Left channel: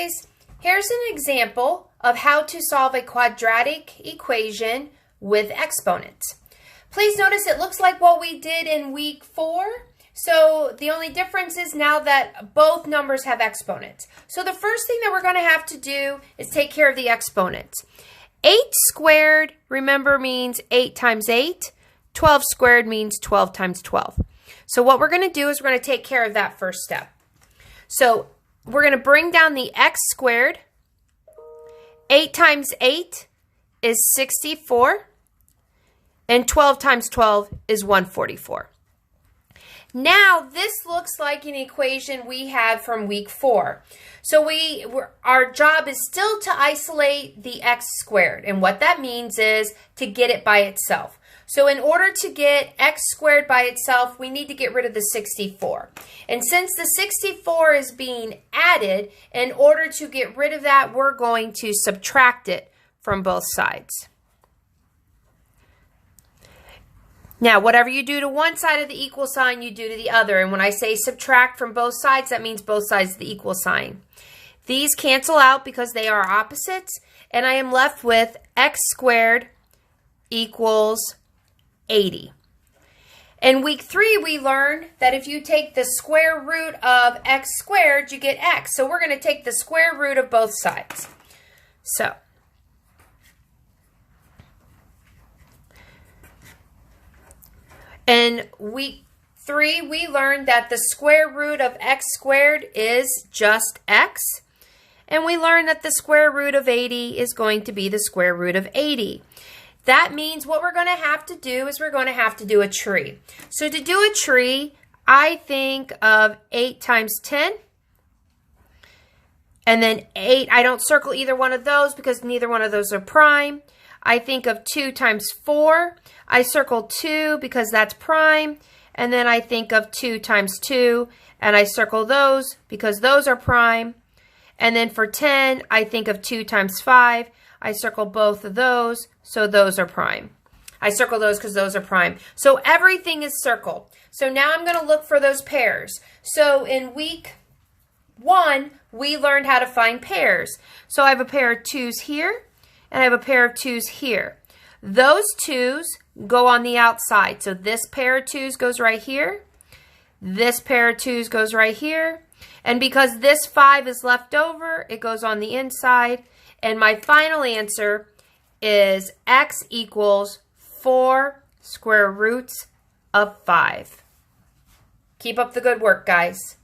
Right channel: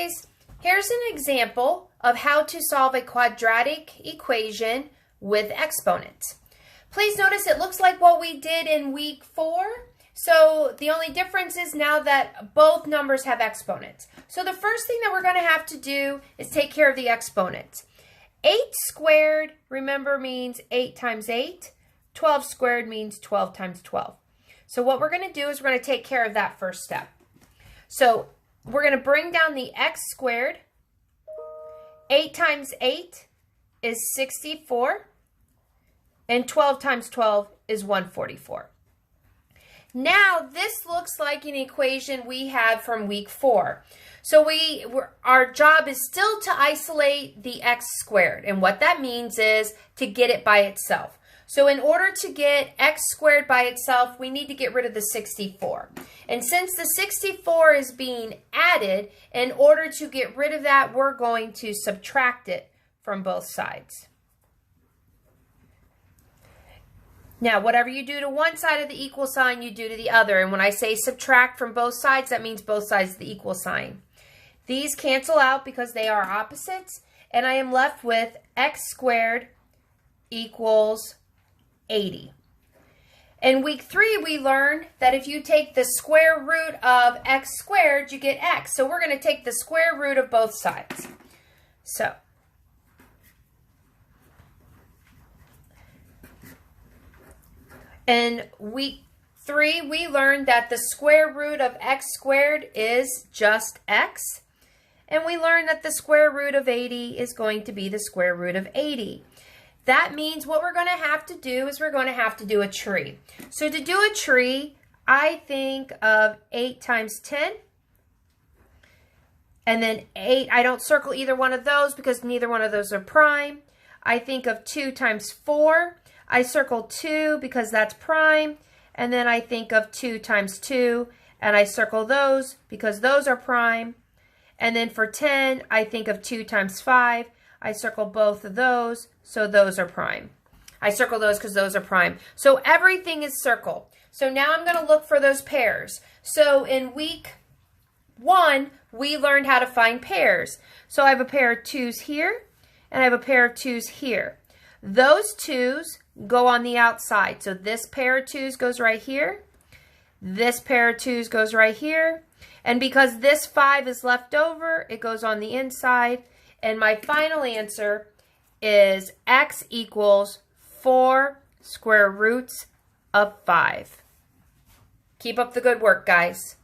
guys, here's an example of how to solve a quadratic equation with exponents. Please notice it looks like what we did in week 4. So the only difference is now that both numbers have exponents. So the first thing that we're going to have to do is take care of the exponents. 8 squared, remember, means 8 times 8. 12 squared means 12 times 12. So what we're going to do is we're going to take care of that first step. So we're going to bring down the x squared. 8 times 8 is 64. And 12 times 12 is 144. Now, this looks like an equation we had from week 4. So our job is still to isolate the x squared. And what that means is to get it by itself. So in order to get x squared by itself, we need to get rid of the 64. And since the 64 is being added, in order to get rid of that, we're going to subtract it from both sides. Now, whatever you do to one side of the equal sign, you do to the other. And when I say subtract from both sides, that means both sides of the equal sign. These cancel out because they are opposites. And I am left with x squared equals 80. In week 3, we learned that if you take the square root of x squared, you get x. So we're going to take the square root of both sides. So in week 3, we learned that the square root of x squared is just x. And we learned that the square root of 80 is going to be the square root of 80. That means what we're going to have to do is we're going to have to do a tree. So to do a tree, I think of 8 times 10. And then 8, I don't circle either one of those because neither one of those are prime. I think of 2 times 4. I circle 2 because that's prime. And then I think of 2 times 2. And I circle those because those are prime. And then for 10, I think of 2 times 5. I circle both of those, so those are prime. I circle those because those are prime. So everything is circled. So now I'm going to look for those pairs. So in week 1, we learned how to find pairs. So I have a pair of 2's here, and I have a pair of 2's here. Those 2's go on the outside. So this pair of 2's goes right here. This pair of 2's goes right here. And because this 5 is left over, it goes on the inside. And my final answer is x equals 4 square roots of 5. Keep up the good work, guys.